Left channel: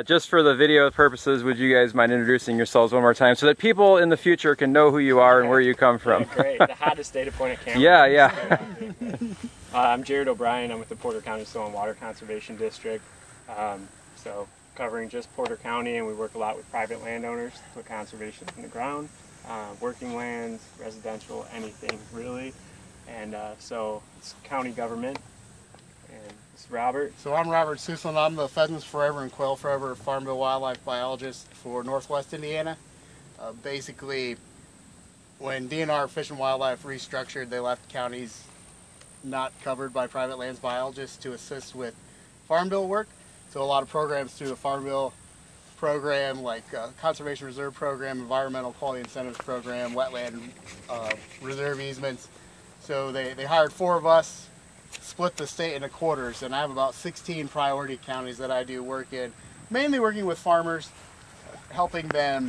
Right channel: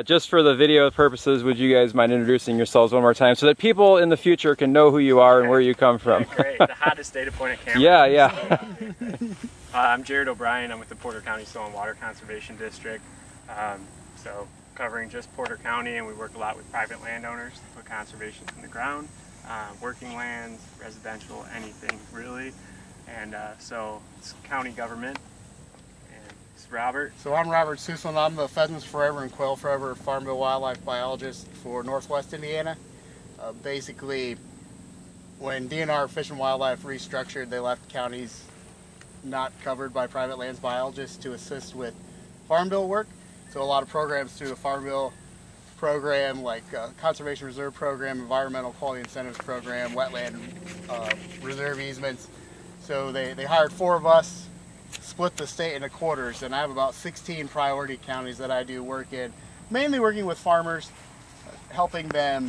Just for the video purposes, would you guys mind introducing yourselves one more time so that people in the future can know who you are and where you come from? Great, the hottest data point at camera. Yeah. I'm Jared O'Brien. I'm with the Porter County Soil and Water Conservation District. So covering just Porter County, and we work a lot with private landowners for conservation in the ground, working lands, residential, anything really. And so it's county government. And it's Robert. So I'm Robert Suslin. I'm the Pheasants Forever and Quail Forever Farm Bill Wildlife Biologist for Northwest Indiana. Basically, when DNR Fish and Wildlife restructured, they left counties not covered by private lands biologists to assist with Farm Bill work. So a lot of programs through the Farm Bill program, like Conservation Reserve Program, Environmental Quality Incentives Program, Wetland Reserve Easements. So they hired 4 of us, split the state into quarters, and I have about 16 priority counties that I do work in, mainly working with farmers, helping them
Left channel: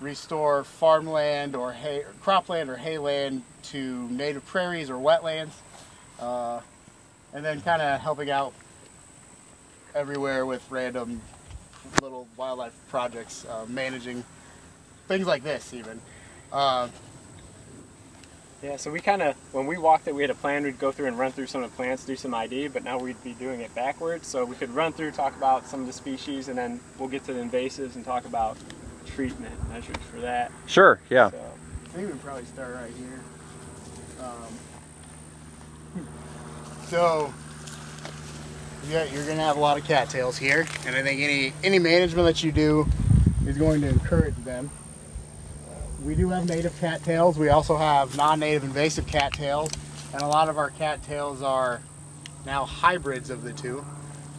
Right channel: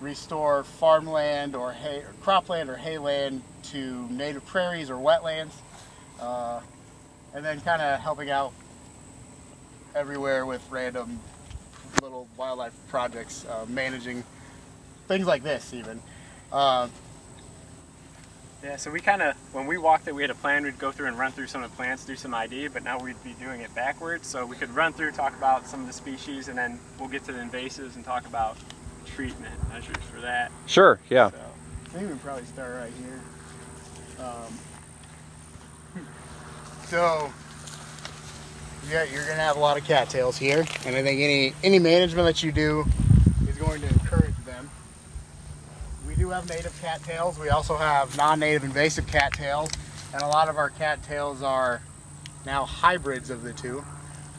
restore farmland or cropland or hayland to native prairies or wetlands, and then kind of helping out everywhere with random little wildlife projects, managing things like this even. Yeah, so we kind of, when we walked it, we had a plan. We'd go through and run through some of the plants, do some ID, but now we'd be doing it backwards. So we could run through, talk about some of the species, and then we'll get to the invasives and talk about treatment measures for that. Sure, yeah. So I think we can probably start right here. So yeah, you're going to have a lot of cattails here, and I think any management that you do is going to encourage them. We do have native cattails. We also have non-native invasive cattails, and a lot of our cattails are now hybrids of the two,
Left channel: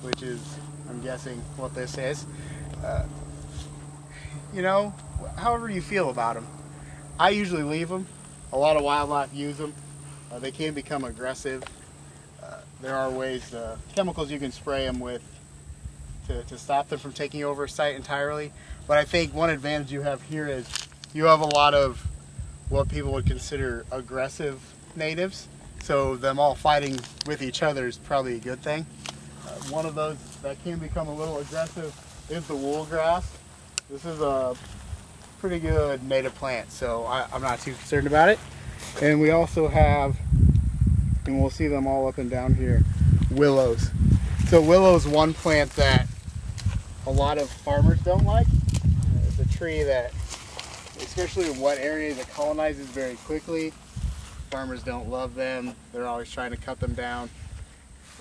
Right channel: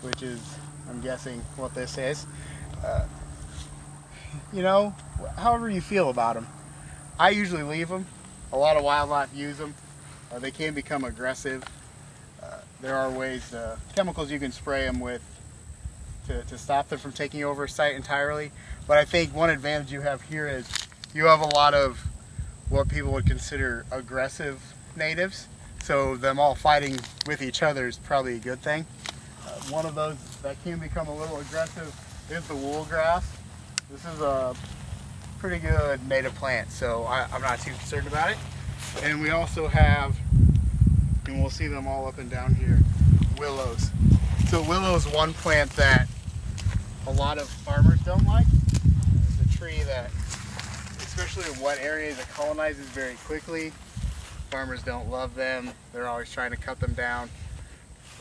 which is, I'm guessing, what this is. You know, however you feel about them. I usually leave them. A lot of wildlife use them. They can become aggressive. There are ways, chemicals you can spray them with to stop them from taking over a site entirely. But I think one advantage you have here is you have a lot of what people would consider aggressive natives. So them all fighting with each other is probably a good thing. One of those that can become a little aggressive is the wool grass. This is a pretty good native plant, so I'm not too concerned about it. And we also have, and we'll see them all up and down here, willows. So willow's one plant that a lot of farmers don't like. It's a tree that, especially in wet areas, it colonizes very quickly. Farmers don't love them. They're always trying to cut them down.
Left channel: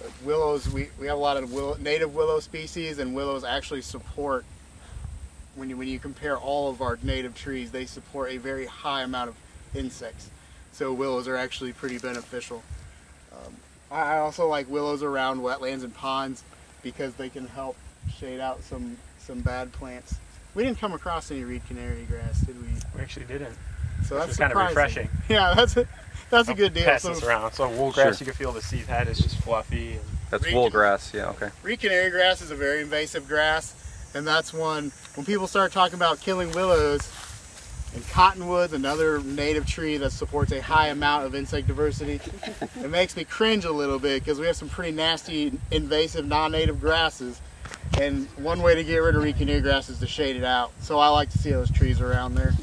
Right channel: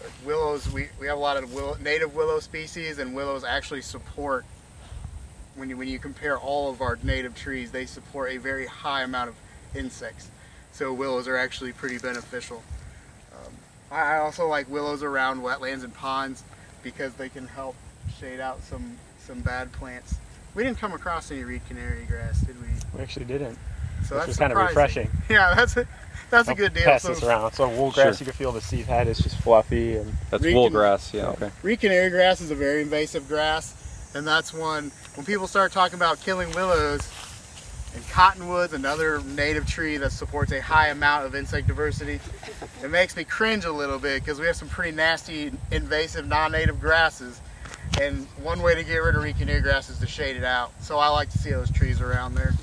But willows, we have a lot of native willow species, and willows actually support, when you compare all of our native trees, they support a very high amount of insects. So willows are actually pretty beneficial. I also like willows around wetlands and ponds because they can help shade out some bad plants. We didn't come across any reed canary grass, did we? We actually didn't. So that's kind of refreshing. Yeah, that's a good deal. Pass this around. So wool grass, you can feel the seed head is just fluffy. And That's wool grass, yeah, okay. Reed canary grass is a very invasive grass, and that's one, when people start talking about killing willows, and cottonwood's another native tree that supports a high amount of insect diversity, it makes me cringe a little bit because we have some pretty nasty invasive non-native grasses. And one way to get rid of reed canary grass is to shade it out. So I like to see those trees around there.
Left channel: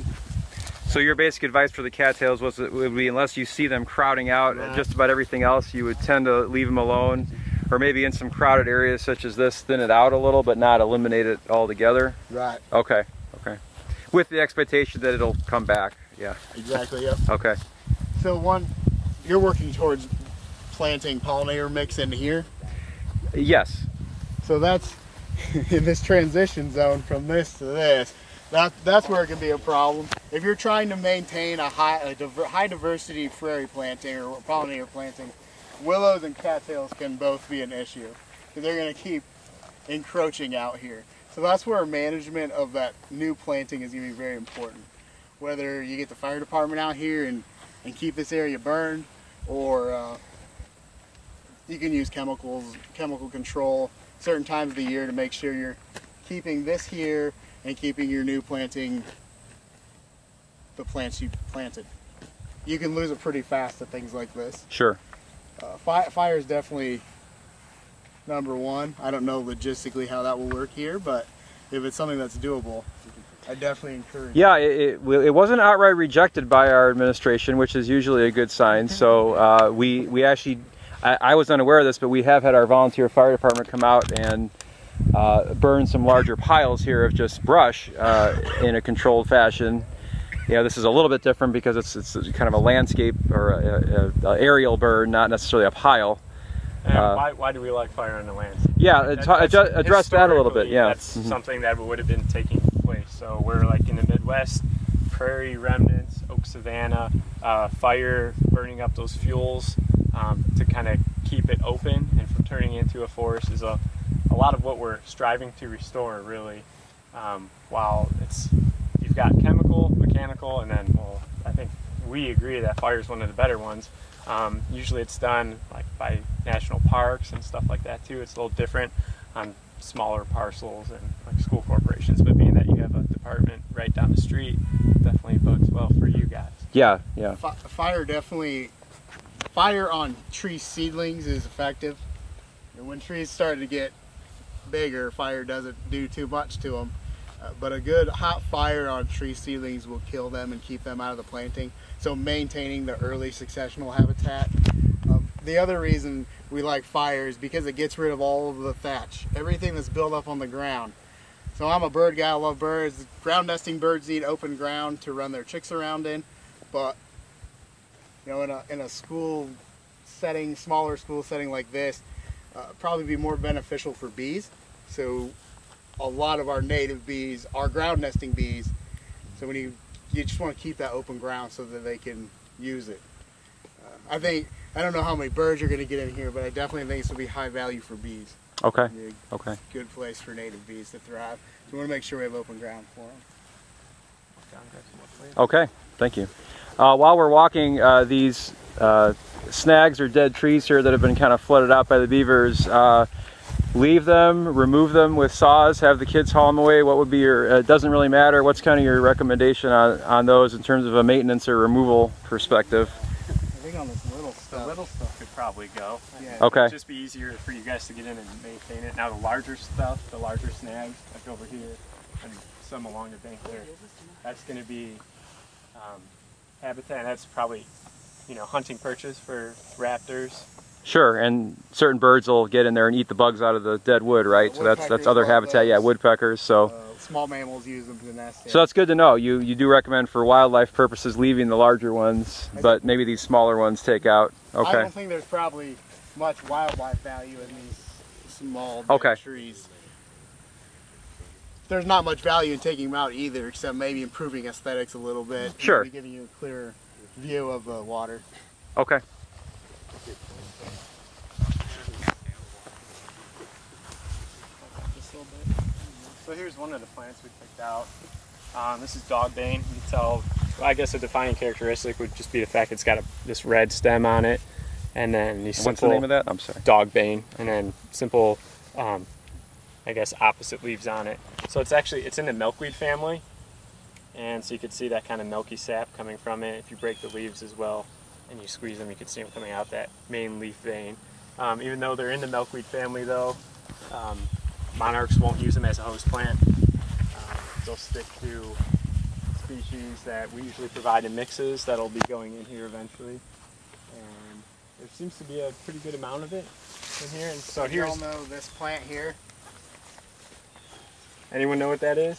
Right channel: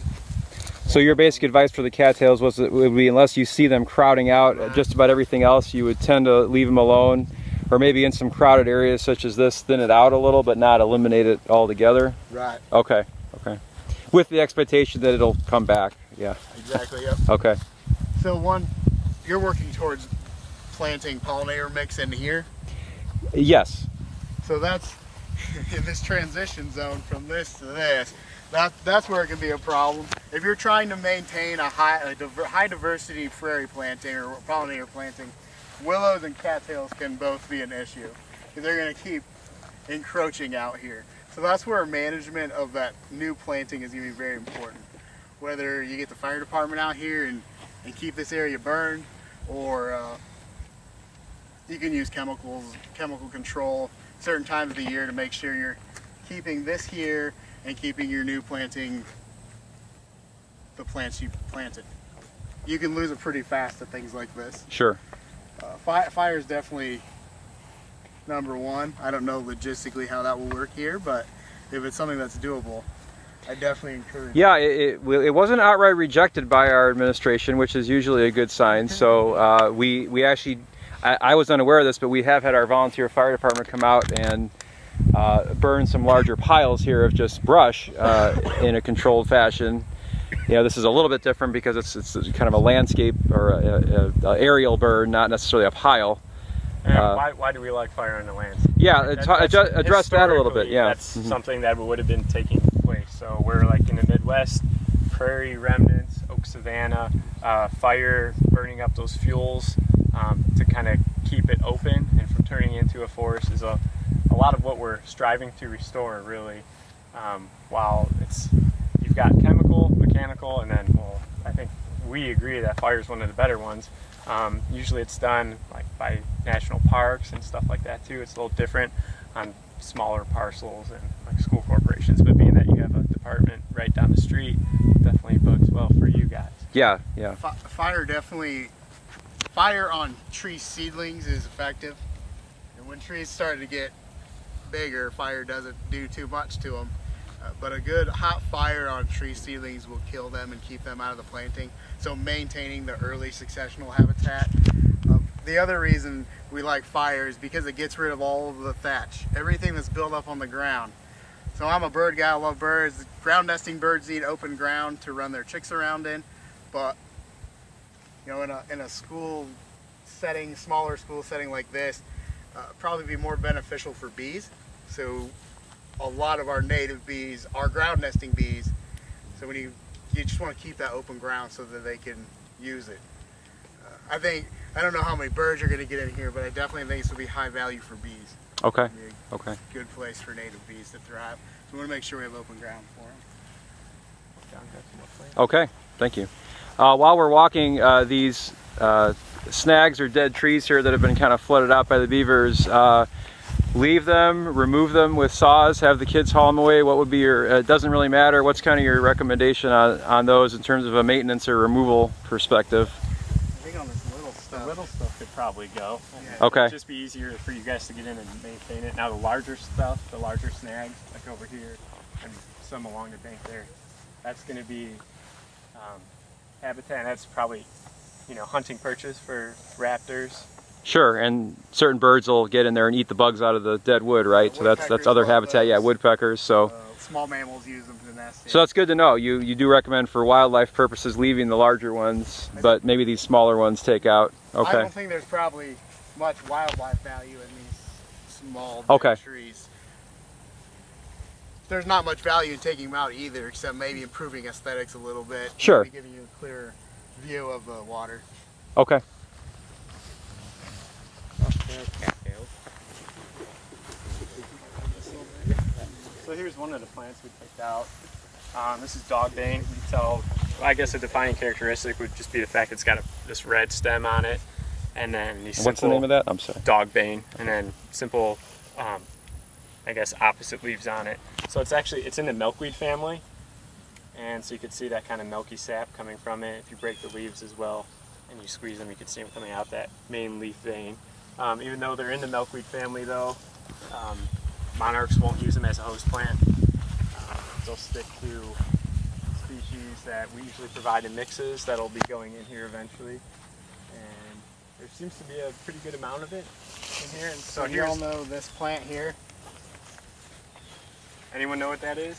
So your basic advice for the cattails would be, unless you see them crowding out just about everything else, you would tend to leave them alone, or maybe in some crowded areas such as this, thin it out a little, but not eliminate it altogether? Right. Okay, okay. With the expectation that it'll come back, yeah. Exactly, yep. Okay. So you're working towards planting pollinator mix in here? Yes. So that's in this transition zone from this to this. That's where it can be a problem. If you're trying to maintain a high diversity prairie planting or pollinator planting, willows and cattails can both be an issue. They're going to keep encroaching out here. So that's where management of that new planting is going to be very important. Whether you get the fire department out here and keep this area burned, or you can use chemical control certain times of the year to make sure you're keeping this here and keeping your new planting, the plants you planted. You can lose it pretty fast at things like this. Sure. Fire is definitely number one. I don't know logistically how that will work here, but if it's something that's doable, I definitely encourage. Yeah, it wasn't outright rejected by our administration, which is usually a good sign. So we actually, I was unaware of this, but we have had our volunteer fire department come out and burn some larger piles here of just brush in a controlled fashion. You know, this is a little bit different because it's kind of a landscape or a aerial burn, not necessarily a pile. And why do we like fire on the land? Yeah, address that a little bit. Yeah, that's something that would have been taking place. So we're like in the Midwest, prairie remnants, oak savanna, fire burning up those fuels to kind of keep it open and from turning into a forest is a lot of what we're striving to restore, really. While you've got chemical, mechanical, and then, well, I think we agree that fire is one of the better ones. Usually it's done like by national parks and stuff like that too. It's a little different on smaller parcels and like school corporations, but being that you have a department right down the street, definitely bodes well for you guys. Yeah, yeah. Fire on tree seedlings is effective. And when trees start to get bigger, fire doesn't do too much to them. But a good hot fire on tree seedlings will kill them and keep them out of the planting. So maintaining the early successional habitat. The other reason we like fire is because it gets rid of all of the thatch, everything that's built up on the ground. So I'm a bird guy, I love birds. Ground nesting birds need open ground to run their chicks around in. But you know, in a school setting, smaller school setting like this, probably be more beneficial for bees. So a lot of our native bees are ground nesting bees. So when you just want to keep that open ground so that they can use it. I don't know how many birds are going to get in here, but I definitely think this will be high value for bees. Okay. Okay. Good place for native bees to thrive. So we want to make sure we have open ground for them. Okay. Thank you. While we're walking these snags or dead trees here that have been kind of flooded out by the beavers, leave them, remove them with saws, have the kids haul them away. What would be your, it doesn't really matter, what's kind of your recommendation on those in terms of a maintenance or removal perspective? I think on this little stuff could probably go. Okay. It'd just be easier for you guys to get in and maintain it. Now the larger stuff, the larger snags, like over here, and some along the bank there, that's going to be habitat, and that's probably, you know, hunting purchase for raptors. Sure, and certain birds will get in there and eat the bugs out of the dead wood, right? So that's other habitat, yeah, woodpeckers. So small mammals use them to nest. So that's good to know. You do recommend for wildlife purposes leaving the larger ones, but maybe these smaller ones take out. Okay. I don't think there's probably much wildlife value in these small dead trees. There's not much value in taking them out either, except maybe improving aesthetics a little bit. Sure. Maybe giving you a clearer view of the water. Okay. So here's one of the plants we picked out. This is dogbane. You can tell, well, I guess a defining characteristic would just be the fact it's got this red stem on it. And then these what's the name of that? I'm sorry. Dogbane. And then simple, I guess, opposite leaves on it. So it's in the milkweed family. And so you can see that kind of milky sap coming from it. If you break the leaves as well and you squeeze them, you can see them coming out that main leaf vein. Even though they're in the milkweed family though, monarchs won't use them as a host plant. They'll stick to species that we usually provide in mixes that'll be going in here eventually. And there seems to be a pretty good amount of it in here. And so you all know this plant here? Anyone know what that is?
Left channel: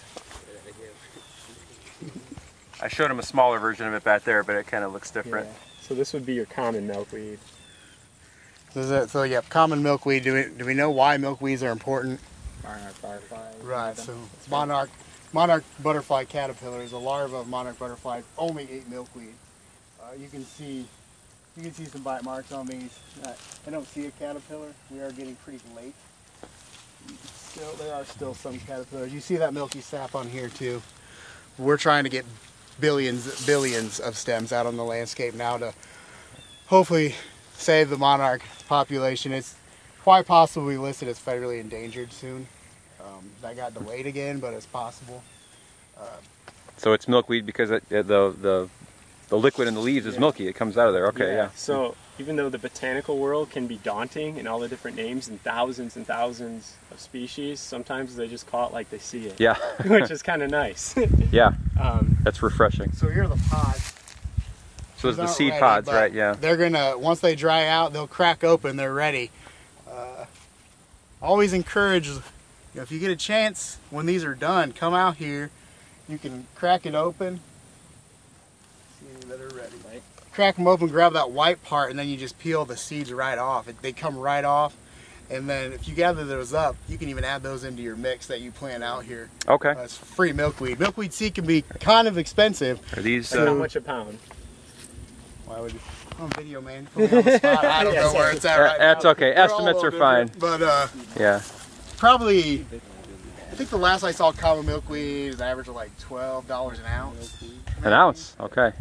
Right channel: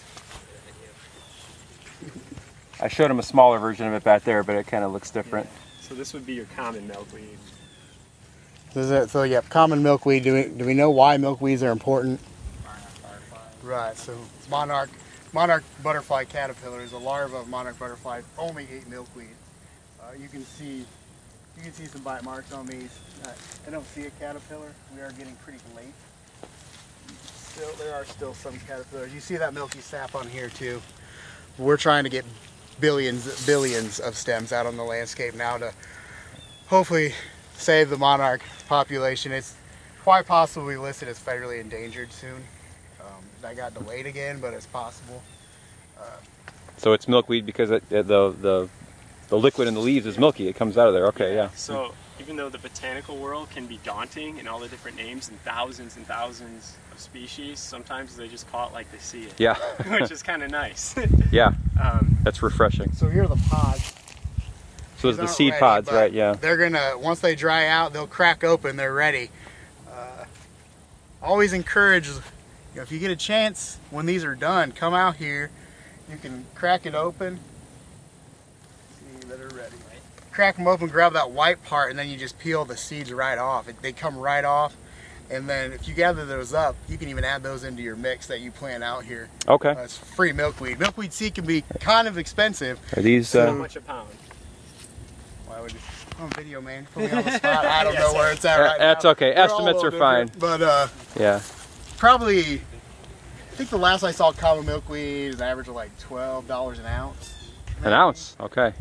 I showed him a smaller version of it back there, but it kind of looks different. Yeah. So this would be your common milkweed. So yeah, common milkweed. Do we know why milkweeds are important? Right. So monarch butterfly caterpillars, the larva of monarch butterfly, only ate milkweed. You can see some bite marks on these. I don't see a caterpillar. We are getting pretty late. There are still some caterpillars. You see that milky sap on here too. We're trying to get billions of stems out on the landscape now to hopefully save the monarch population. It's quite possibly listed as federally endangered soon. That got delayed again, but it's possible. So it's milkweed because the liquid in the leaves is milky. It comes out of there. Okay, yeah. So even though the botanical world can be daunting and all the different names and thousands species, sometimes they just call it like they see it. Yeah. Which is kind of nice. Yeah. That's refreshing. So here are the pods. So those are the These seed aren't pods, ready, right? Yeah. They're gonna, once they dry out, they'll crack open, they're ready. Always encourage, you know, if you get a chance when these are done, come out here. You can crack it open. See that are ready. Crack them open, grab that white part, and then you just peel the seeds right off. They come right off. And then if you gather those up, you can even add those into your mix that you plant out here. Okay. It's free milkweed. Milkweed seed can be kind of expensive. Are these? How much a pound? Why would you? I'm a video man. Put me on the spot. I don't know where it's at right That's now. okay. They're Estimates all are different, fine. But yeah. Probably, I think the last I saw common milkweed is an average of like $12 an ounce. An ounce. Okay.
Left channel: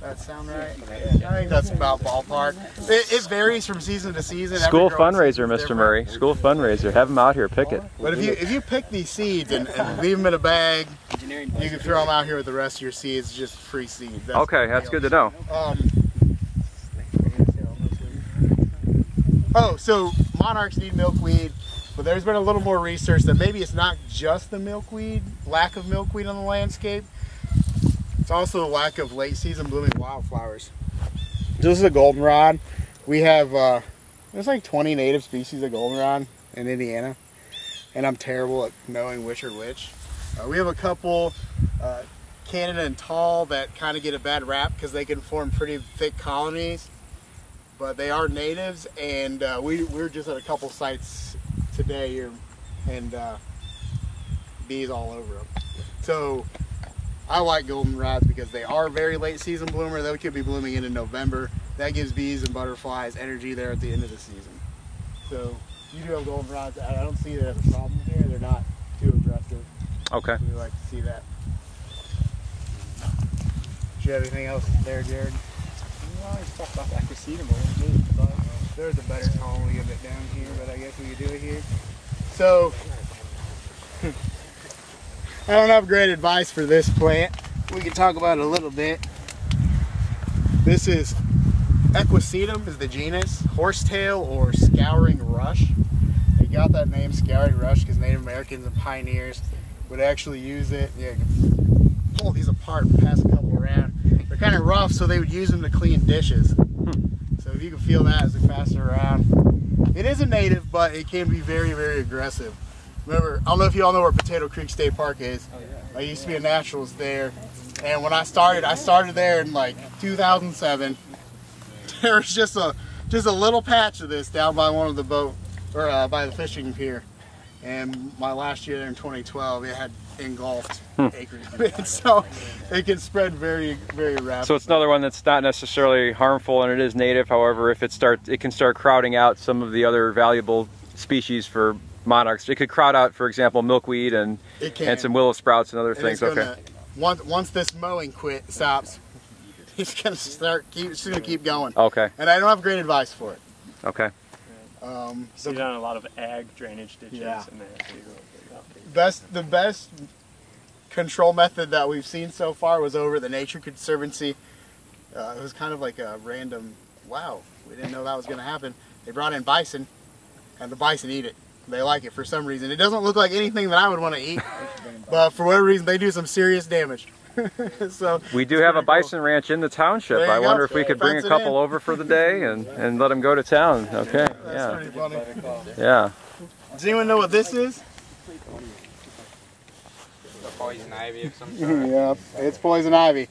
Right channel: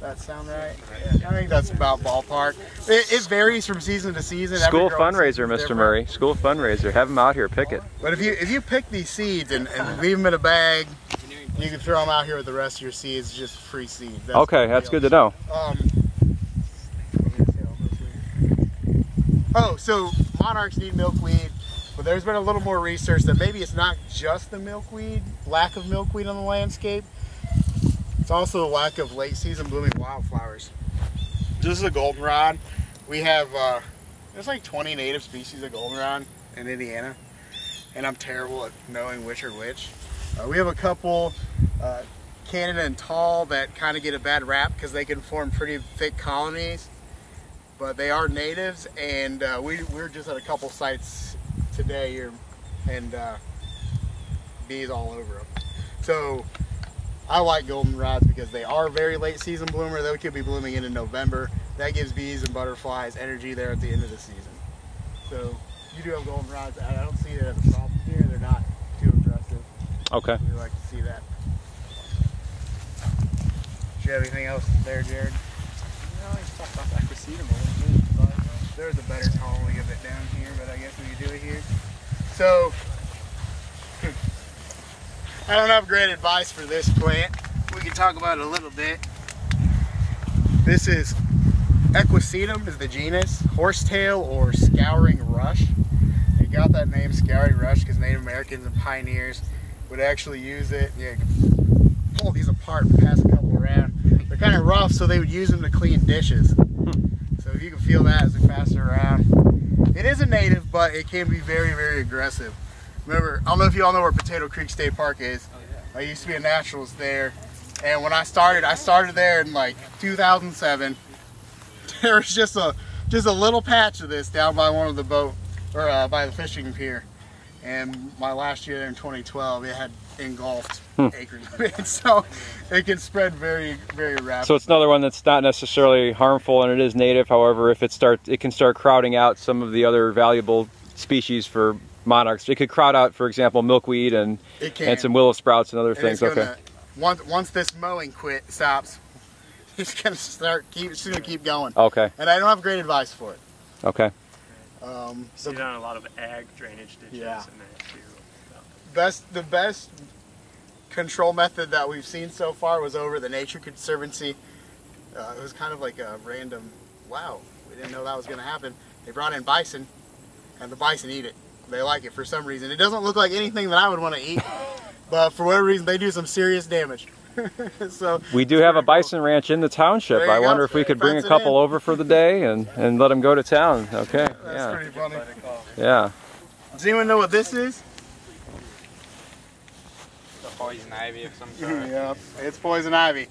That sound right? Yeah. I think that's about ballpark. It varies from season to season. School Every growing fundraiser, season's Mr. different. Murray. School fundraiser. Have them out here. Pick it. But if you pick these seeds and leave them in a bag, you can throw them out here with the rest of your seeds, just free seeds. That's Okay, that's good to know. Oh, so monarchs need milkweed, but there's been a little more research that maybe it's not just the milkweed, lack of milkweed on the landscape. It's also the lack of late season blooming wildflowers. This is a goldenrod. We have, there's like 20 native species of goldenrod in Indiana, and I'm terrible at knowing which are which. We have a couple, Canada and tall, that kind of get a bad rap because they can form pretty thick colonies. But they are natives, and we were just at a couple sites today here, and bees all over them. So I like goldenrods because they are very late season bloomer. They could be blooming in November. That gives bees and butterflies energy there at the end of the season. So you do have goldenrods. I don't see that as a problem here. They're not too aggressive. Okay. We like to see that. Do you have anything else there, Jared? No, I just talked about the Invasive a little bit, but there's a better calling of it down here, but I guess we do it here. So, I don't have great advice for this plant. We can talk about it a little bit. This is Equisetum is the genus, horsetail or scouring rush. They got that name scouring rush because Native Americans and pioneers would actually use it. Yeah, pull these apart and pass a couple around. They're kind of rough, so they would use them to clean dishes. So if you can feel that as they pass it around. It is a native, but it can be very, very aggressive. Remember, I don't know if you all know where Potato Creek State Park is. I used to be a naturalist there, and when I started there in like 2007. There was just a little patch of this down by one of the boat, or by the fishing pier. And my last year there in 2012, it had engulfed acres of it. So it can spread very, very rapidly. So it's another one that's not necessarily harmful, and it is native. However, if it can start crowding out some of the other valuable species for monarchs. It could crowd out, for example, milkweed and some willow sprouts and other things. Okay. Once this mowing stops, it's gonna keep going. Okay. And I don't have great advice for it. Okay. So you've done a lot of ag drainage ditches. Yeah. In there too. The best control method that we've seen so far was over at the Nature Conservancy. It was kind of like a random, wow, we didn't know that was going to happen. They brought in bison, and the bison eat it. They like it for some reason. It doesn't look like anything that I would want to eat, but for whatever reason, they do some serious damage. So we do have a bison ranch in the township. I wonder if we could bring a couple over for the day and let them go to town. Okay. That's pretty funny. Yeah. Does anyone know what this is? Poison ivy of some sort. Yeah, it's poison ivy.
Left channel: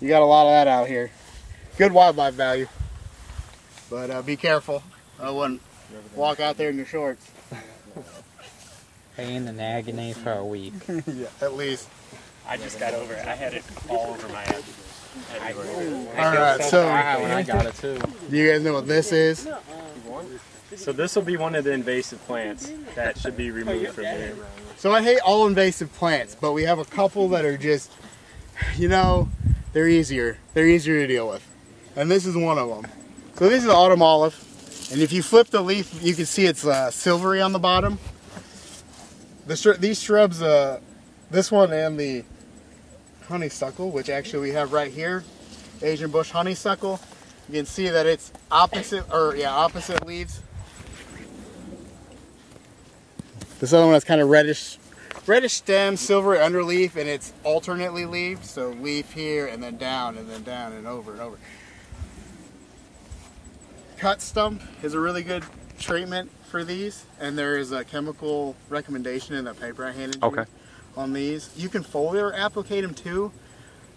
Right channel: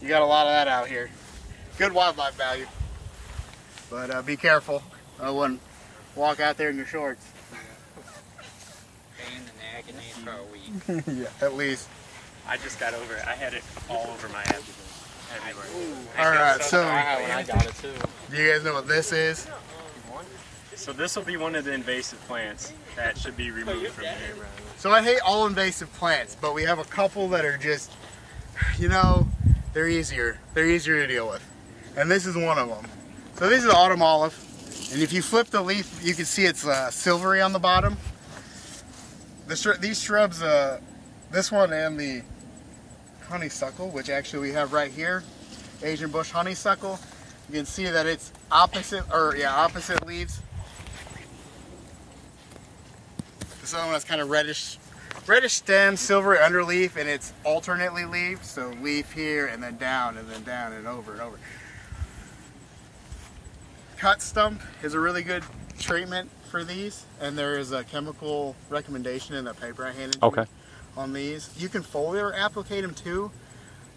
You got a lot of that out here. Good wildlife value. But be careful. I wouldn't walk out there in your shorts. Pain and agony for a week. Yeah, at least. I just got over it. I had it all over my head. Everywhere. Alright, so I got it too. do you guys know what this is? So this will be one of the invasive plants that should be removed from here. So I hate all invasive plants, but we have a couple that are just, you know, they're easier. They're easier to deal with. And this is one of them. So this is autumn olive. And if you flip the leaf, you can see it's silvery on the bottom. These shrubs, this one and the honeysuckle, which actually we have right here, Asian bush honeysuckle, you can see that it's opposite leaves. This other one has kind of reddish stem, silver underleaf, and it's alternately leaf. So leaf here and then down and over and over. Cut stump is a really good treatment for these, and there is a chemical recommendation in the paper I handed you on these. You can foliar applicate them too.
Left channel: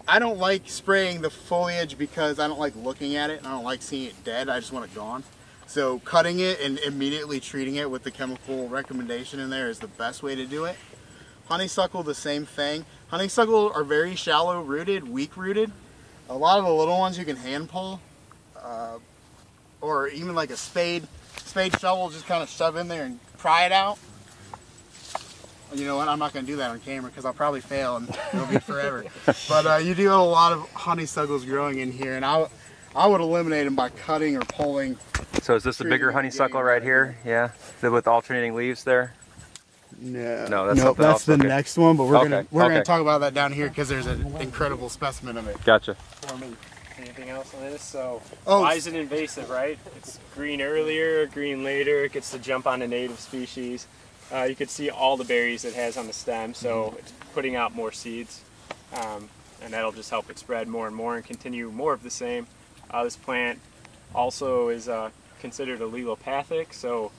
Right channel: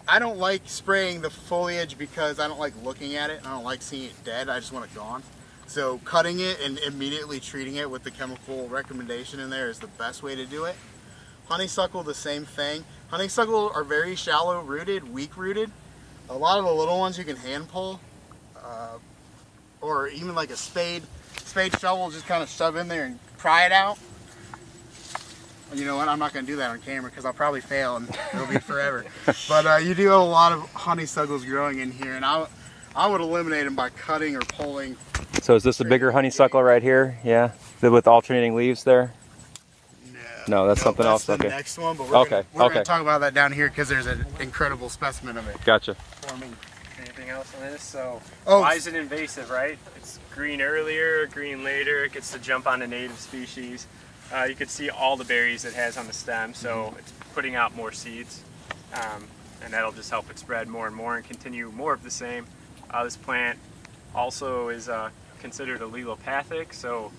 I don't like spraying the foliage because I don't like looking at it and I don't like seeing it dead. I just want it gone. So cutting it and immediately treating it with the chemical recommendation in there is the best way to do it. Honeysuckle, the same thing. Honeysuckle are very shallow rooted, weak rooted. A lot of the little ones you can hand pull, or even like a spade shovel, just kind of shove in there and pry it out. You know what, I'm not going to do that on camera because I'll probably fail and it'll be forever. But you do have a lot of honeysuckles growing in here, and I would eliminate them by cutting or pulling. So is this a bigger honeysuckle right here? Yeah, with alternating leaves there? No, that's something else. That's the next one, but we're gonna talk about that down here because there's an incredible specimen of it. Gotcha. For me. Anything else on this? So why is it invasive, right? It's green earlier, green later. It gets to jump on a native species. You can see all the berries it has on the stem, so it's putting out more seeds, and that'll just help it spread more and more and continue more of the same. This plant also is considered allelopathic, so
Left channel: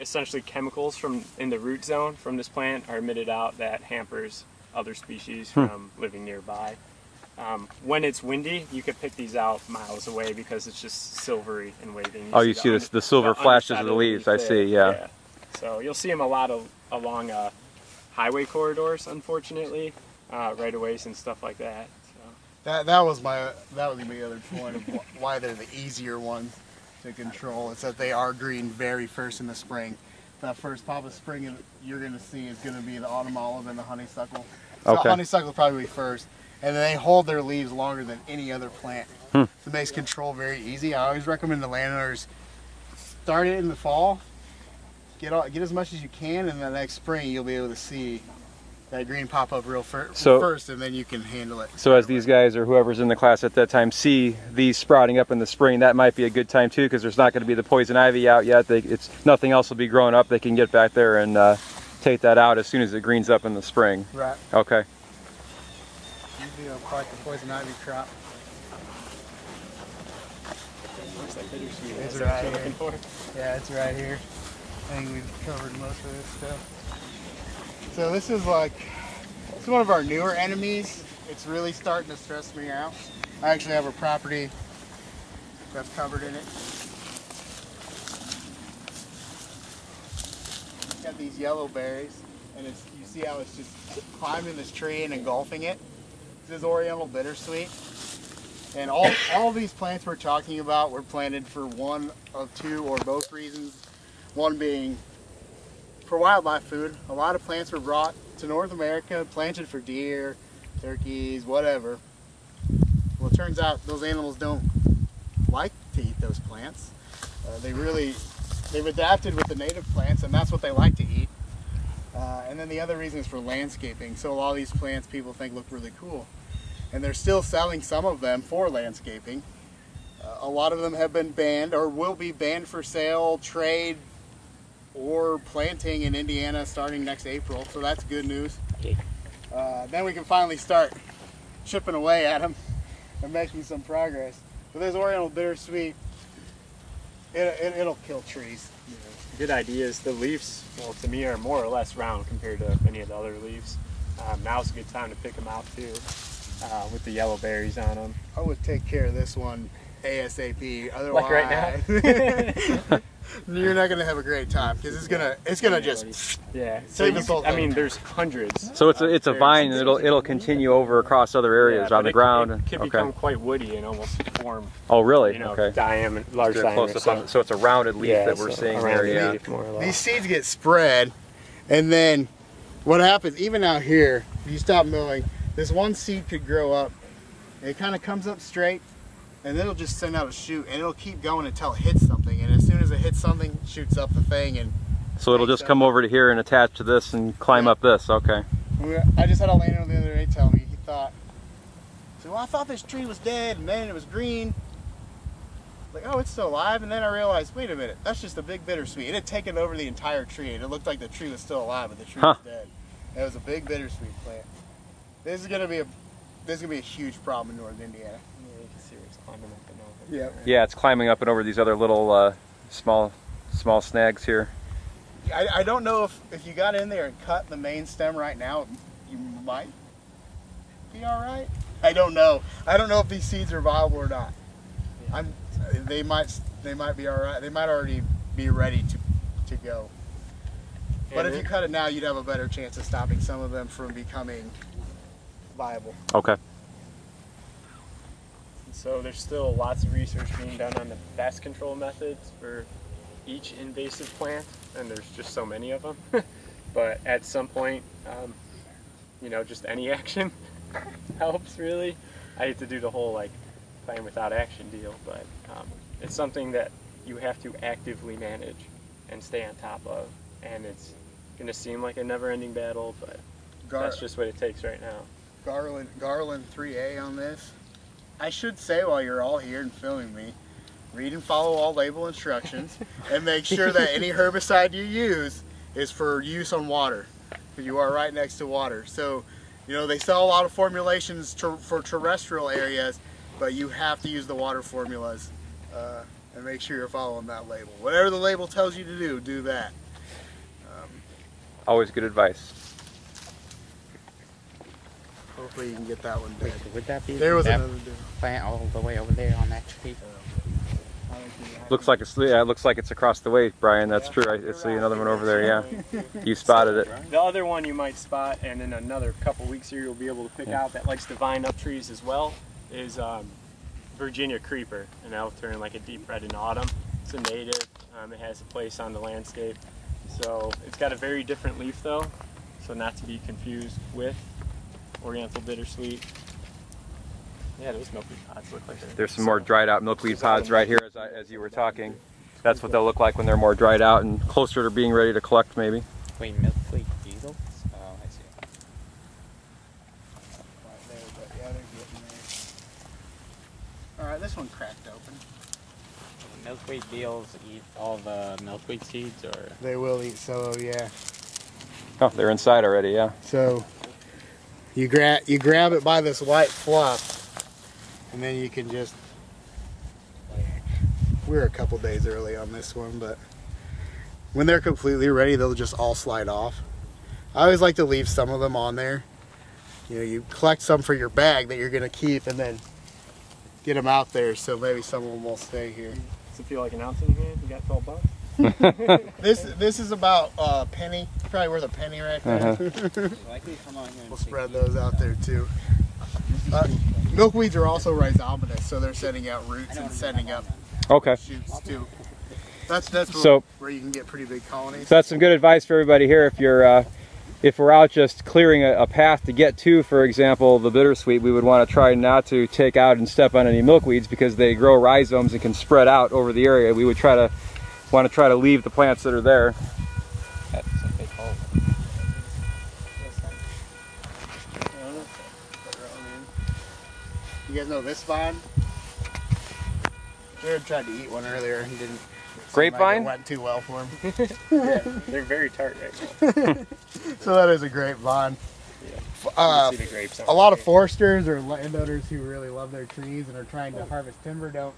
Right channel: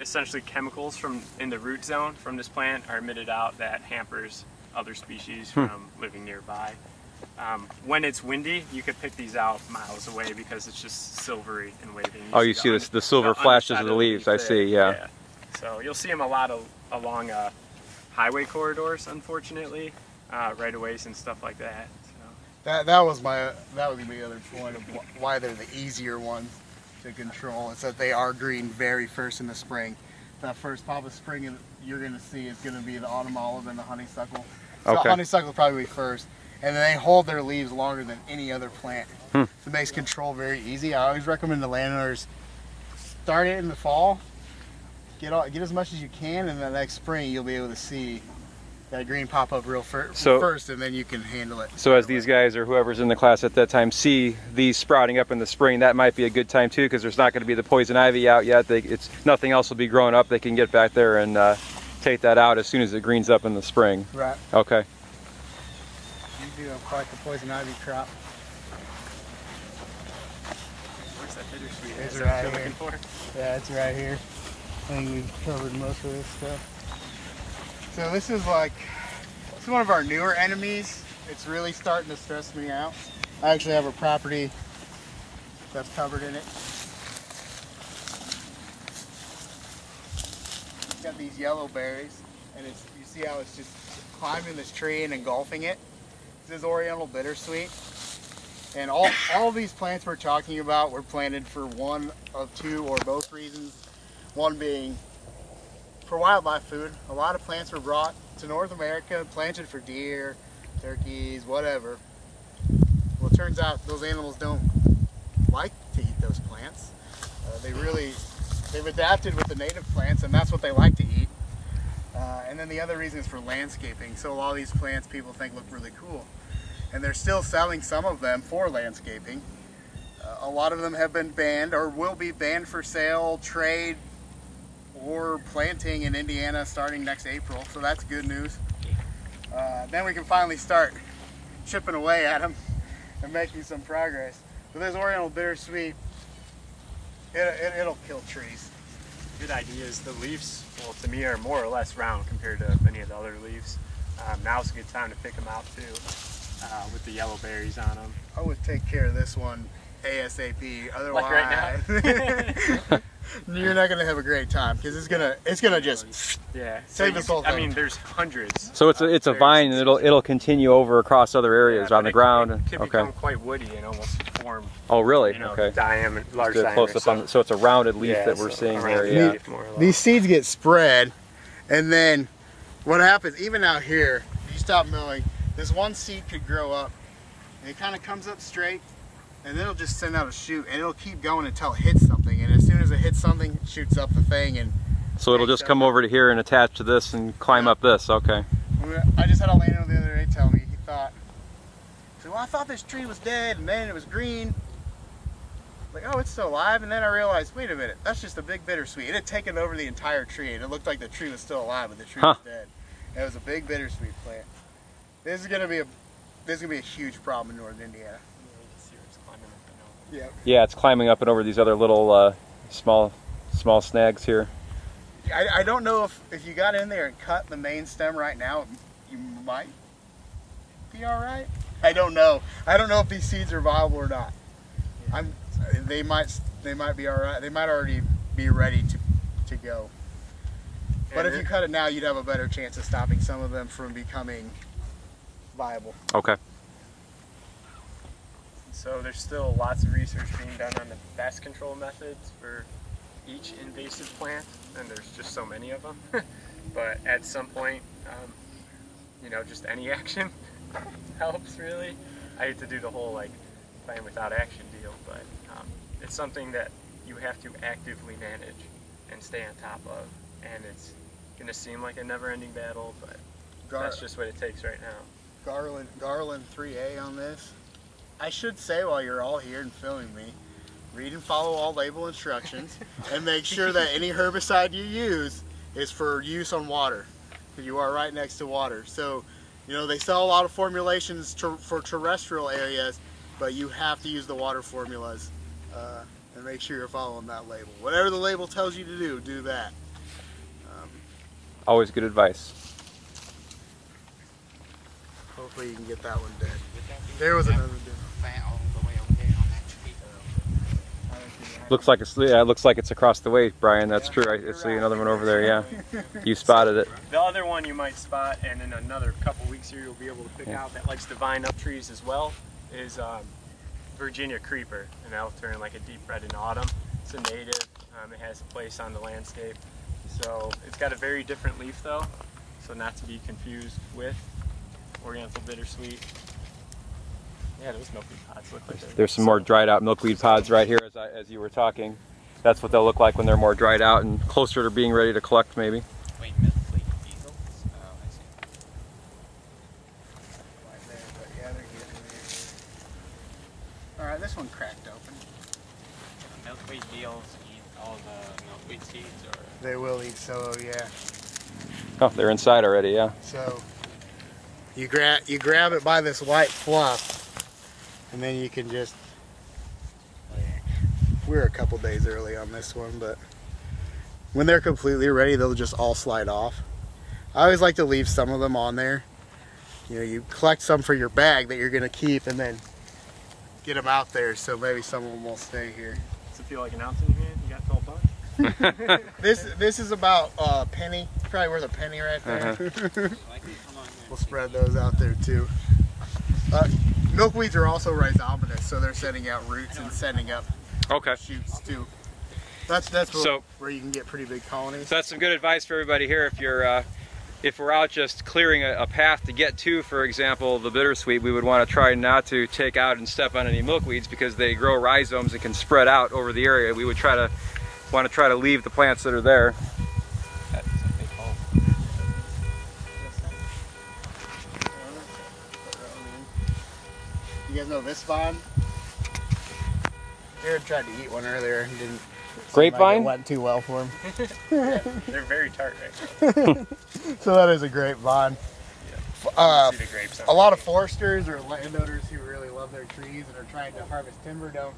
essentially chemicals from in the root zone from this plant are emitted out that hampers other species from living nearby. When it's windy, you could pick these out miles away because it's just silvery and waving. Oh, you see the silver flashes of the leaves. I see, yeah. So you'll see them a lot along highway corridors, unfortunately, right of ways and stuff like that. So. That was my other point of why they're the easier ones to control. It's that they are green very first in the spring. That first pop of spring you're going to see is going to be the autumn olive and the honeysuckle. So honeysuckle will probably be first. And then they hold their leaves longer than any other plant. So it makes control very easy. I always recommend the landowners start it in the fall, get as much as you can, and the next spring you'll be able to see that green pop up real first, and then you can handle it. So as these guys or whoever's in the class at that time see these sprouting up in the spring, that might be a good time too, because there's not going to be the poison ivy out yet. Nothing else will be growing up. They can get back there and take that out as soon as it greens up in the spring. Right. Okay. You do quite the poison ivy crop. It's right here. Yeah, it's right here. I think we've covered most of this stuff. So this is one of our newer enemies. It's really starting to stress me out. I actually have a property that's covered in it. It's got these yellow berries, and you see how it's just climbing this tree and engulfing it. This is Oriental bittersweet, and all these plants we're talking about were planted for one of two or both reasons. One being for wildlife food. A lot of plants were brought to North America, planted for deer, turkeys, whatever. Well, it turns out those animals don't like to eat those plants. They've adapted with the native plants, and that's what they like to eat. And then the other reason is for landscaping. So a lot of these plants people think look really cool. And they're still selling some of them for landscaping. A lot of them have been banned or will be banned for sale, trade, or planting in Indiana starting next April. So that's good news. Then we can finally start chipping away at them and making some progress. But this Oriental bittersweet, it'll kill trees. Good ideas. The leaves, well, to me, are more or less round compared to any of the other leaves. Now's a good time to pick them out too, with the yellow berries on them. I would take care of this one ASAP. Otherwise, like right now. You're not gonna have a great time because it's gonna just save this whole thing. I mean, there's hundreds. So it's a vine, and it'll continue over across other areas on the ground. It could become quite woody and almost form. Oh, really? Okay. Large diameter. So it's a rounded leaf that we're seeing here. Yeah. These seeds get spread, and then what happens? Even out here, you stop milling. This one seed could grow up, and it kind of comes up straight. And it'll just send out a shoot, and it'll keep going until it hits something. And as soon as it hits something, it shoots up the thing. And so it'll just come over to here and attach to this and climb up this. Okay. I just had a landowner the other day tell me, he thought, well, I thought this tree was dead, and then it was green. like, oh, it's still alive, and then I realized, wait a minute, that's just a big bittersweet. It had taken over the entire tree, and it looked like the tree was still alive, but the tree was dead. And it was a big bittersweet plant. This is gonna be a huge problem in northern Indiana. Yeah. Yeah, it's climbing up and over these other little small snags here. I don't know if you got in there and cut the main stem right now, you might be all right. I don't know. I don't know if these seeds are viable or not. They might be all right. They might already be ready to go. But if you cut it now, you'd have a better chance of stopping some of them from becoming viable. Okay. So there's still lots of research being done on the pest control methods for each invasive plant, and there's just so many of them. But at some point, you know, just any action helps, really. I hate to do the whole like plan without action deal, but it's something that you have to actively manage and stay on top of, and it's gonna seem like a never-ending battle, but that's just what it takes right now. Garland 3A on this. I should say, while you're all here and filming me, read and follow all label instructions and make sure that any herbicide you use is for use on water, because you are right next to water. So, you know, they sell a lot of formulations for terrestrial areas, but you have to use the water formulas and make sure you're following that label. Whatever the label tells you to do that. Always good advice. Hopefully you can get that one dead. Would that be There was that another dead. plant all the way over there on that tree? Looks like it looks like it's across the way, Brian. That's true. I see another one over there. Yeah, you spotted it. The other one you might spot, and in another couple weeks here you'll be able to pick out, that likes to vine up trees as well, is Virginia creeper, and that'll turn like a deep red in autumn. It's a native. It has a place on the landscape. So it's got a very different leaf though, so not to be confused with Oriental bittersweet. Yeah, those milkweed pods look like There's some more dried out milkweed pods right here as you were talking. That's what they'll look like when they're more dried out and closer to being ready to collect, maybe. Wait, milkweed beetles? Oh, I see. Right there, but yeah, they're getting there. Alright, this one cracked open. Milkweed beetles eat all the milkweed seeds, or? They will eat so, yeah. Oh, they're inside already, yeah. So you grab it by this white fluff, and then you can just, we're a couple days early on this one, but when they're completely ready, they'll just all slide off. I always like to leave some of them on there. You know, you collect some for your bag that you're going to keep, and then get them out there, so maybe some of them will stay here. Does it feel like an ounce in here? You got 12 bucks? This is about a penny. Probably worth a penny right there. We'll spread those out there too. Milkweeds are also rhizomatous, so they're setting out roots and setting up shoots too. That's where you can get pretty big colonies. So that's some good advice for everybody here. If we're out just clearing a path to get to, for example, the bittersweet, we would want to try not to take out and step on any milkweeds because they grow rhizomes and can spread out over the area. We would want to try to leave the plants that are there. That's a big hole. You guys know this vine? Jared tried to eat one earlier and didn't. Grapevine? It went too well for him. Yeah, they're very tart right now. So that is a grapevine. Yeah. A lot of foresters or landowners who really love their trees and are trying to harvest timber don't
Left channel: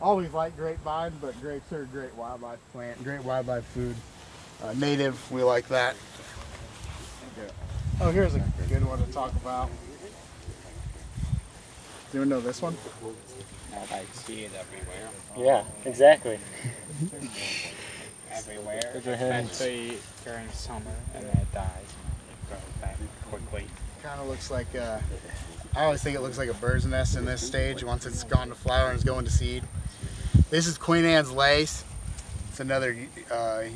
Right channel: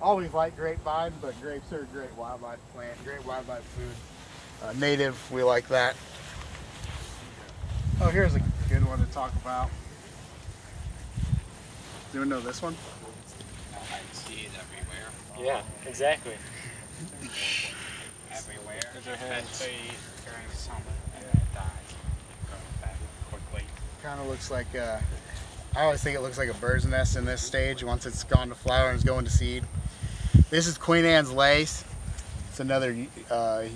always like grapevines, but grapes are a great wildlife plant, great wildlife food. Native, we like that. Oh, here's a good one to talk about. You want to know this one? I see it everywhere. Yeah, exactly. Everywhere. Especially during summer, and then it dies. Go back quickly. Kind of looks like, I always think it looks like a bird's nest in this stage once it's gone to flower and is going to seed. This is Queen Anne's lace. It's another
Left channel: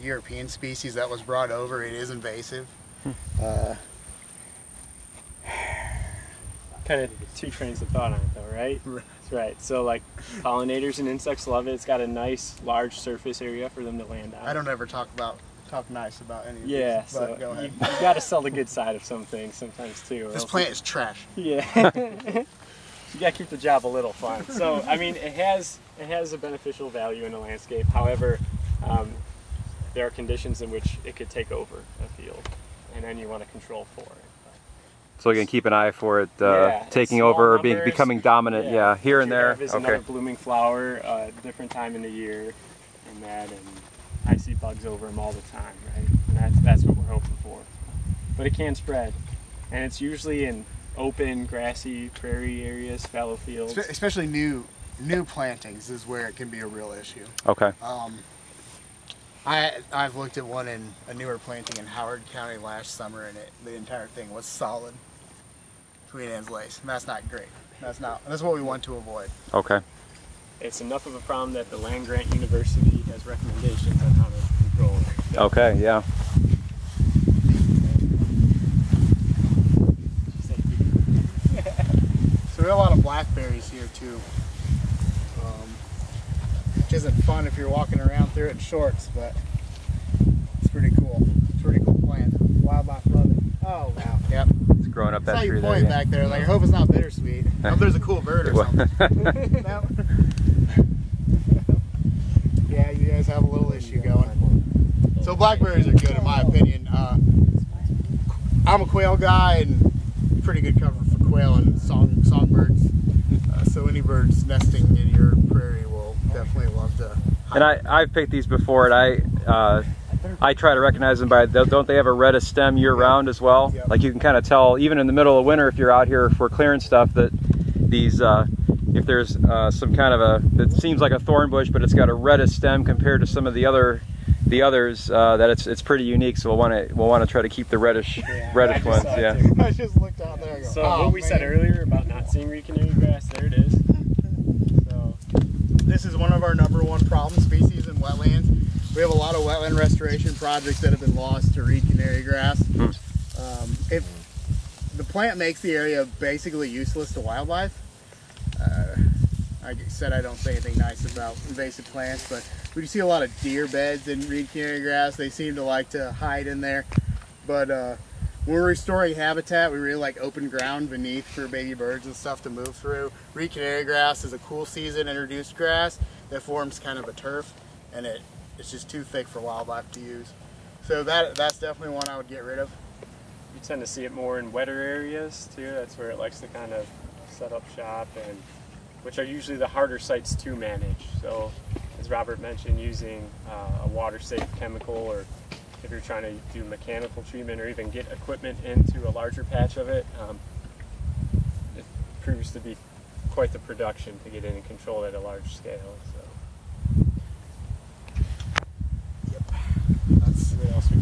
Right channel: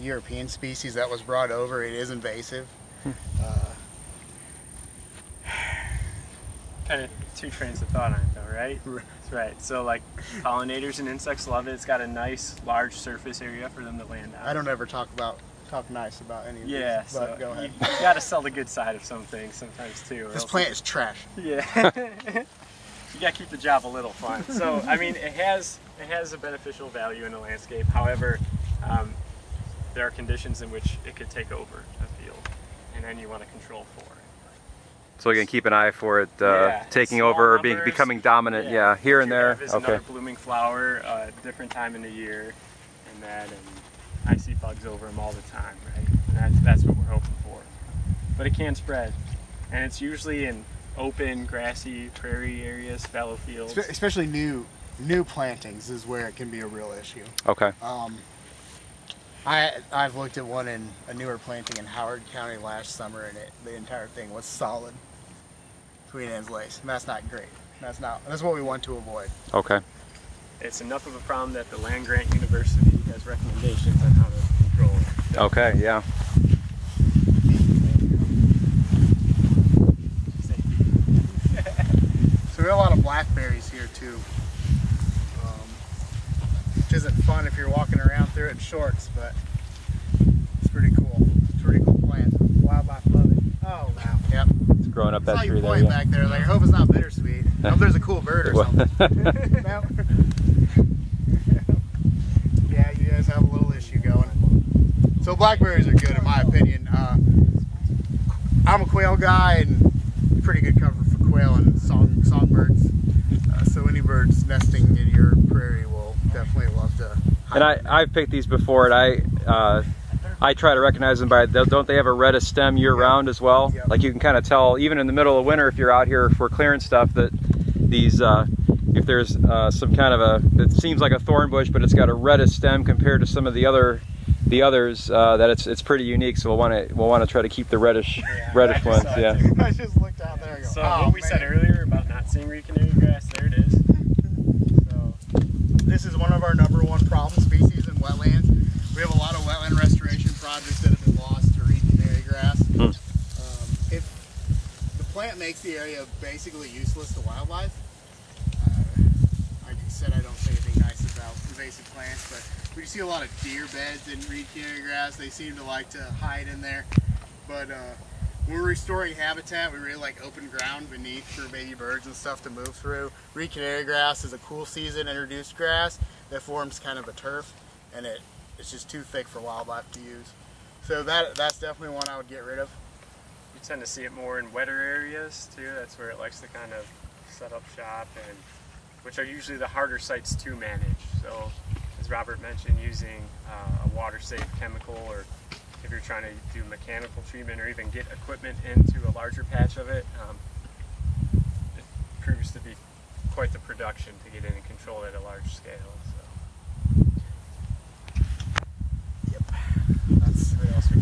European species that was brought over. It is invasive. Kind of two trains of thought on it though, right? Right. So like pollinators and insects love it. It's got a nice large surface area for them to land on. I don't ever talk nice about any of these, but so go ahead. You got to sell the good side of some things sometimes too. This plant is trash. Yeah. you got to keep the job a little fun. So I mean, it has a beneficial value in the landscape. However, there are conditions in which it could take over a field, and then you want to control for it. So you can keep an eye for it taking small over or numbers, becoming dominant. Yeah, here and there. There's Okay. another blooming flower, different time in the year, and I see bugs over them all the time, right? And that's what we're hoping for. But it can spread, and it's usually in open, grassy, prairie areas, fallow fields. Especially new plantings is where it can be a real issue. Okay. I've looked at one in a newer planting in Howard County last summer, and the entire thing was solid Queen Anne's lace, and that's not great. That's what we want to avoid. Okay. It's enough of a problem that the Land Grant University has recommendations on how to control it. Okay. Yeah. So there are a lot of blackberries here too, which isn't fun if you're walking around through it in shorts, but it's pretty cool. It's a pretty cool plant. Wildlife loving. Oh wow. Yep. It's growing up that I saw tree you there. point Yeah. back there. Like, I hope it's not bittersweet. I hope there's a cool bird or something. No. Yeah, you guys have a little issue going. So blackberries are good in my opinion. I'm a quail guy and pretty good cover for quail and songbirds. So any birds nesting in your prairie will definitely love to. And I've picked these before, and I try to recognize them by, don't they have a reddish stem year round as well? Yep. Like you can kind of tell, even in the middle of winter, if you're out here for clearing stuff, that these, if there's some kind of it seems like a thorn bush, but it's got a reddish stem compared to some of the others, that it's pretty unique. So we'll want to try to keep the reddish ones. Yeah. I just looked out there and go, So oh, what we said man. earlier about not seeing reed canary grass, there it is. So This is one of our #1 problem species in wetlands. We have a lot of wetland restoration projects that have been lost to reed canary grass. The plant makes the area basically useless to wildlife. I said I don't say anything nice about invasive plants, but we see a lot of deer beds in reed canary grass. They seem to like to hide in there. But when we're restoring habitat, we really like open ground beneath for baby birds and stuff to move through. Reed canary grass is a cool season introduced grass that forms kind of a turf, and it's just too thick for wildlife to use. So that's definitely one I would get rid of. you tend to see it more in wetter areas too. That's where it likes to kind of set up shop, and which are usually the harder sites to manage. So as Robert mentioned, using a water-safe chemical, or if you're trying to do mechanical treatment or even get equipment into a larger patch of it, it proves to be quite the production to get in and control at a large scale. So. Yep.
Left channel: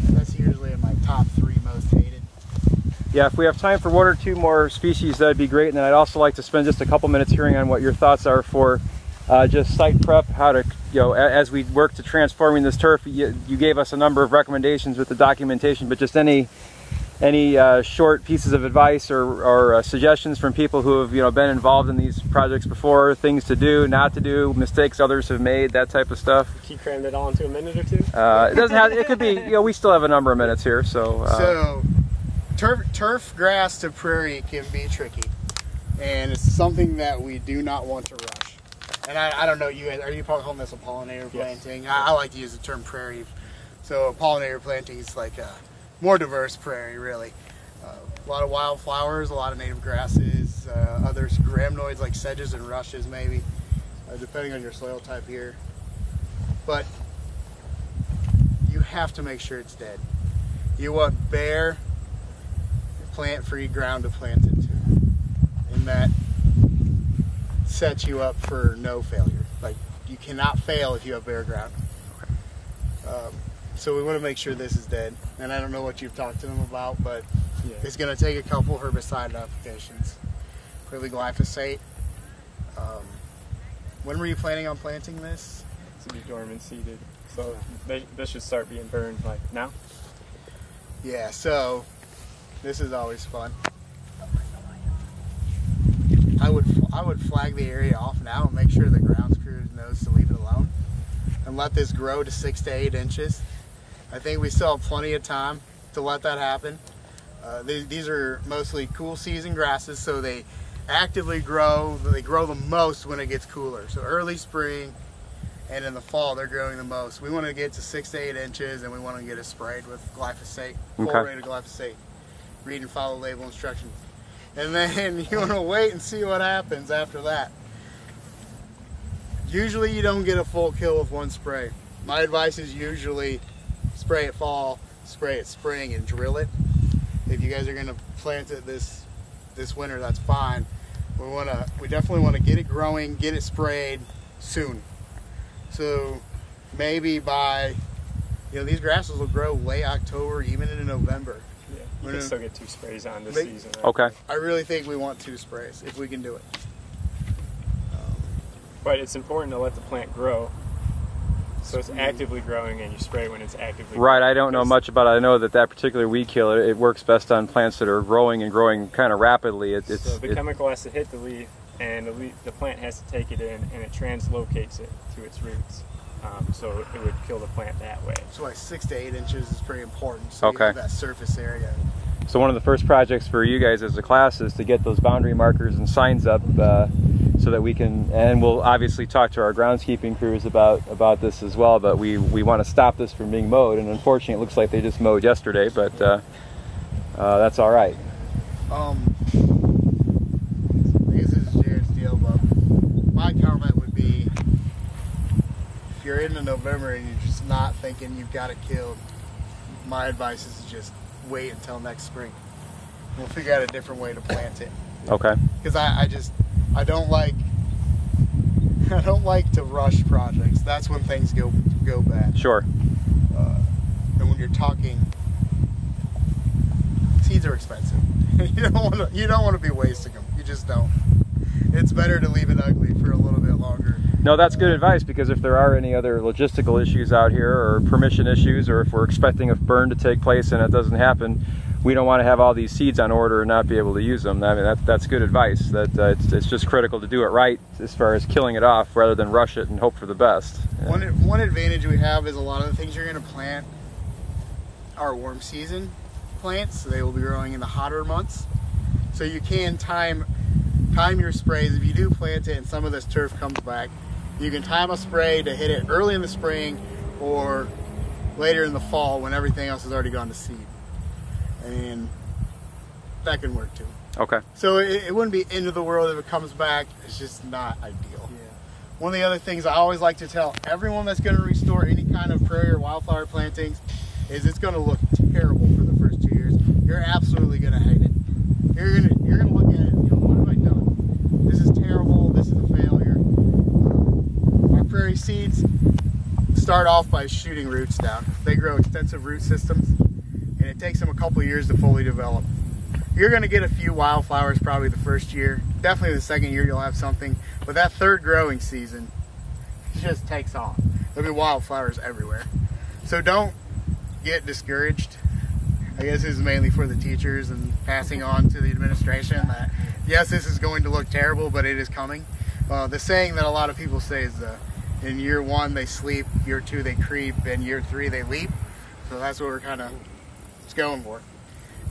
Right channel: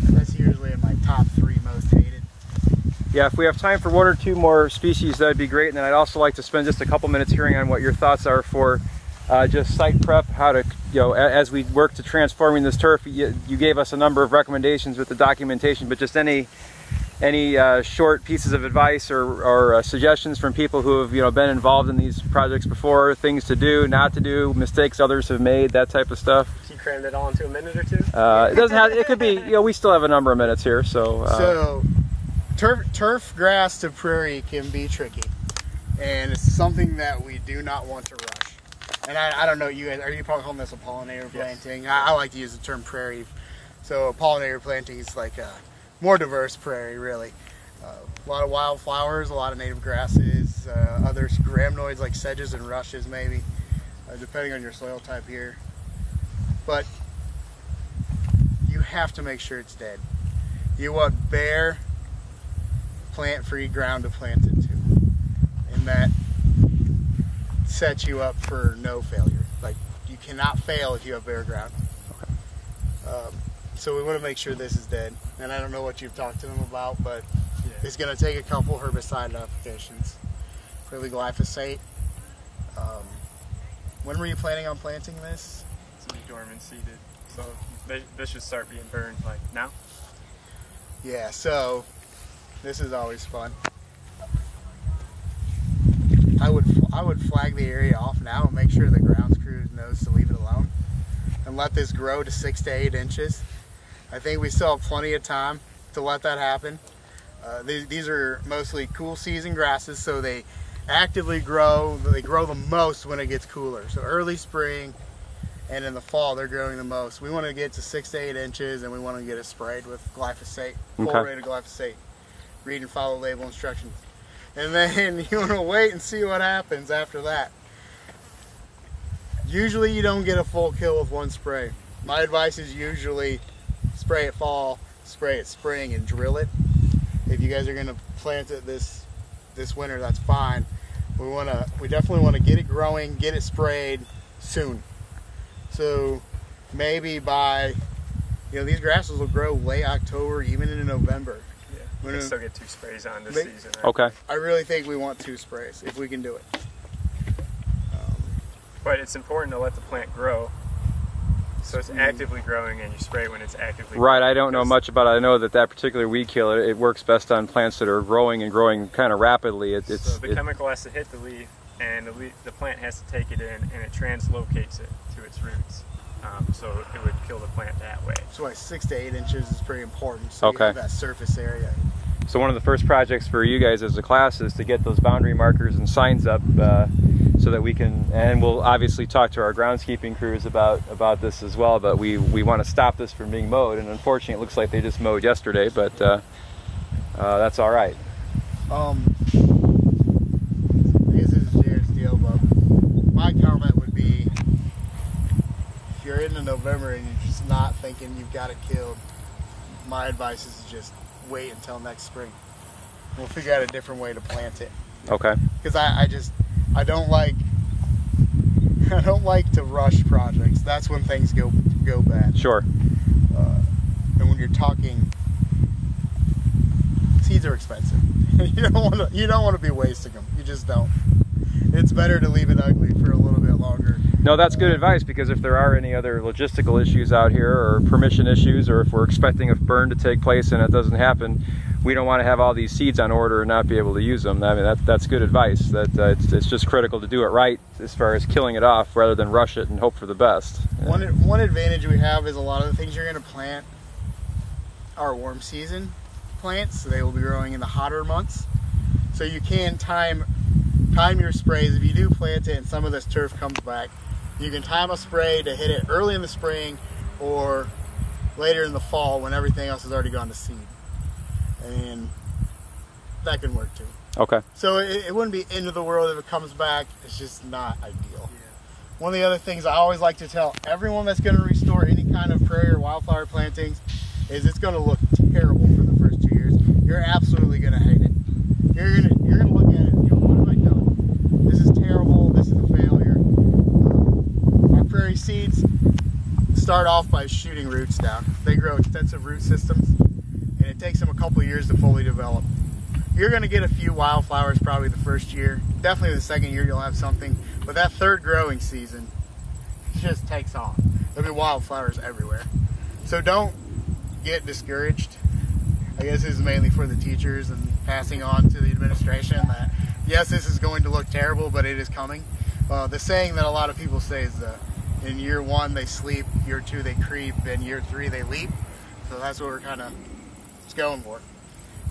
That's usually in my top 3 most hated. Yeah, if we have time for 1 or 2 more species, that'd be great. And then I'd also like to spend just a couple minutes hearing on what your thoughts are for just site prep, how to, as we work to transforming this turf. You gave us a number of recommendations with the documentation, but just any short pieces of advice or suggestions from people who have been involved in these projects before, things to do, not to do, mistakes others have made, that type of stuff. He crammed it all into a minute or 2? It doesn't have. It could be. We still have a number of minutes here, so. Turf grass to prairie can be tricky, and it's something that we do not want to rush. And I don't know, you guys, are you probably calling this a pollinator planting? Yes. I like to use the term prairie. So a pollinator planting is like a more diverse prairie, really. A lot of wildflowers, a lot of native grasses, other rhamnoids like sedges and rushes maybe, depending on your soil type here. But you have to make sure it's dead. You want bare, plant-free ground to plant it to, and that sets you up for no failure. Like, you cannot fail if you have bare ground. So we want to make sure this is dead, and I don't know what you've talked to them about, but it's going to take a couple herbicide applications, probably glyphosate. When were you planning on planting this? To be dormant seeded, so this should start being burned like now. Yeah, so this is always fun. I would flag the area off now and make sure the grounds crew knows to leave it alone and let this grow to 6 to 8 inches. I think we still have plenty of time to let that happen. These are mostly cool season grasses, so they actively grow. They grow the most when it gets cooler. So early spring and in the fall, they're growing the most. We want to get to 6 to 8 inches, and we want to get it sprayed with glyphosate, full rate of glyphosate. Read and follow label instructions. And then you want to wait and see what happens after that. Usually you don't get a full kill with one spray. My advice is usually spray it fall, spray it spring, and drill it. If you guys are going to plant it this winter, that's fine. We definitely want to get it growing, get it sprayed soon. So maybe by, these grasses will grow late October, even into November. Yeah, we can still get 2 sprays on this season. Right? Okay. I really think we want 2 sprays if we can do it. But it's important to let the plant grow. So it's actively growing, and you spray when it's actively growing. Right, I don't know much about it. I know that particular weed killer, it works best on plants that are growing and growing kind of rapidly. So the chemical has to hit the leaf, and the plant has to take it in, and it translocates it to its roots. So it would kill the plant that way. So like 6 to 8 inches is pretty important. So you have that surface area. So one of the first projects for you guys as a class is to get those boundary markers and signs up so that we can, and we'll obviously talk to our groundskeeping crews about this as well, but we want to stop this from being mowed, and unfortunately it looks like they just mowed yesterday, but that's all right. I guess this is Jared's deal, but my comment would be, if you're into November and you're just not thinking you've got it killed, my advice is to just wait until next spring. We'll figure out a different way to plant it. Okay. Because I don't like to rush projects. That's when things go bad. Sure. And when you're talking, seeds are expensive. You don't want to be wasting them. You just don't. It's better to leave it ugly for a little bit longer. No, that's good advice, because if there are any other logistical issues out here, or permission issues, or if we're expecting a burn to take place and it doesn't happen, we don't want to have all these seeds on order and not be able to use them. I mean, that's good advice. That it's just critical to do it right as far as killing it off, rather than rush it and hope for the best. Yeah. One advantage we have is a lot of the things you're going to plant are warm season plants, so they will be growing in the hotter months. So you can time your sprays. If you do plant it and some of this turf comes back, you can time a spray to hit it early in the spring or later in the fall when everything else has already gone to seed. And that can work too. Okay. So it wouldn't be end of the world if it comes back. It's just not ideal. Yeah. One of the other things I always like to tell everyone that's going to restore any kind of prairie or wildflower plantings is it's going to look terrible for the first 2 years. You're absolutely going to hate it. You're gonna look at it and go, what have I done? This is terrible. This is a failure. Our prairie seeds start off by shooting roots down. They grow extensive root systems, and it takes them a couple years to fully develop. You're going to get a few wildflowers probably the first year. Definitely the second year you'll have something. But that third growing season just takes off. There'll be wildflowers everywhere. So don't get discouraged. I guess this is mainly for the teachers and passing on to the administration that yes, this is going to look terrible, but it is coming. The saying that a lot of people say is in year 1 they sleep, year 2 they creep, and year 3 they leap. So that's what we're kind of going for.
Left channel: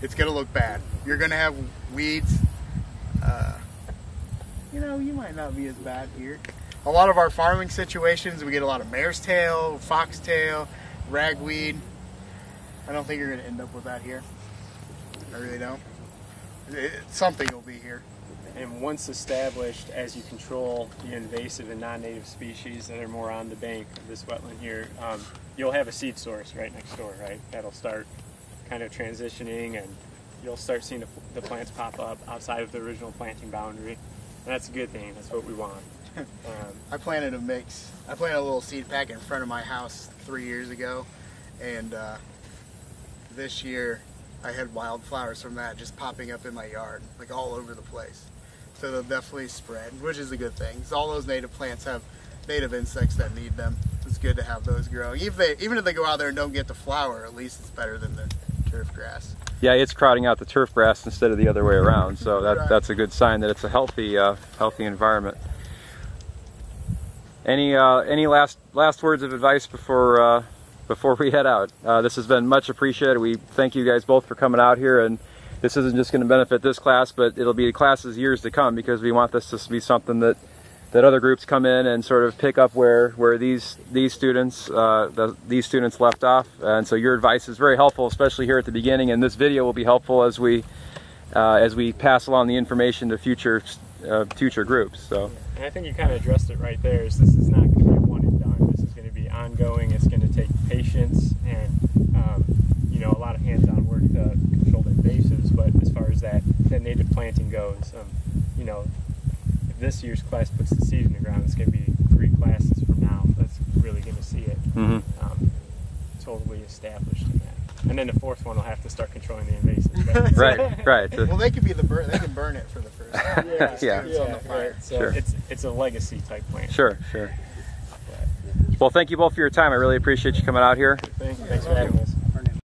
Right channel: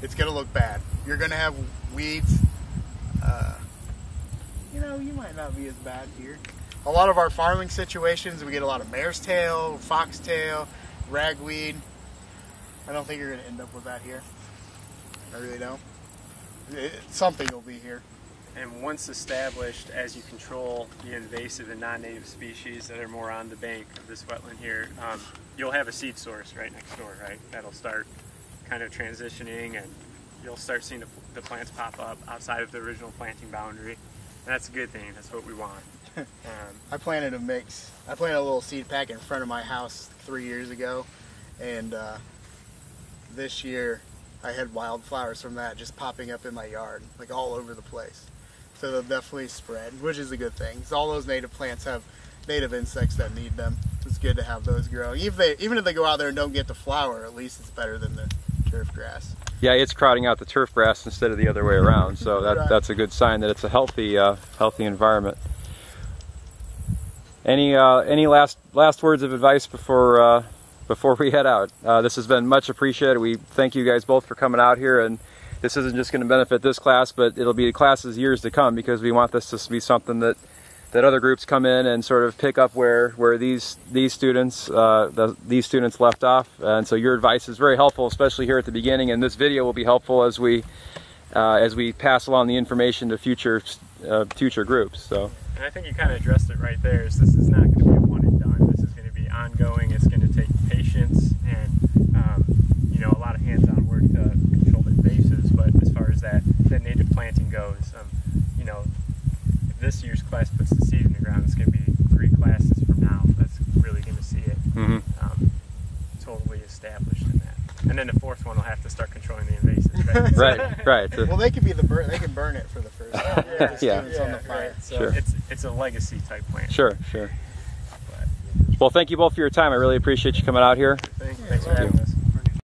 It's going to look bad. You're going to have weeds. You might not be as bad here. A lot of our farming situations, we get a lot of mare's tail, foxtail, ragweed. I don't think you're going to end up with that here. I really don't. Something will be here. And once established, as you control the invasive and non-native species that are more on the bank of this wetland here, you'll have a seed source right next door, right? That'll start kind of transitioning, and you'll start seeing the plants pop up outside of the original planting boundary. And that's a good thing. That's what we want. I planted a mix. I planted a little seed pack in front of my house 3 years ago, and this year I had wildflowers from that just popping up in my yard, like all over the place. So they'll definitely spread, which is a good thing. Because all those native plants have native insects that need them. So it's good to have those grow. Even if they go out there and don't get the flower, at least it's better than the turf grass. Yeah, it's crowding out the turf grass instead of the other way around. So that's a good sign that it's a healthy environment. Any last words of advice before we head out? This has been much appreciated. We thank you guys both for coming out here and this isn't just going to benefit this class, but it'll be classes years to come, because we want this to be something that other groups come in and sort of pick up where these students left off. And so your advice is very helpful, especially here at the beginning, and this video will be helpful as we pass along the information to future groups. So. And I think you kind of addressed it right there. This is not going to be one and done. This is going to be ongoing. It's going to take patience and you know, a lot of hands-on work to control the invasives. But as far as that native planting goes, you know, if this year's class puts the seed in the ground, it's going to be 3 classes from now. That's really going to see it totally established in that. And then the 4th one will have to start controlling the invasives. Right? Right. Well, they can be they can burn it for the first time. Yeah. On the fire. So sure. It's a legacy type plant. Sure. Well, thank you both for your time. I really appreciate you coming out here. Thanks for having us.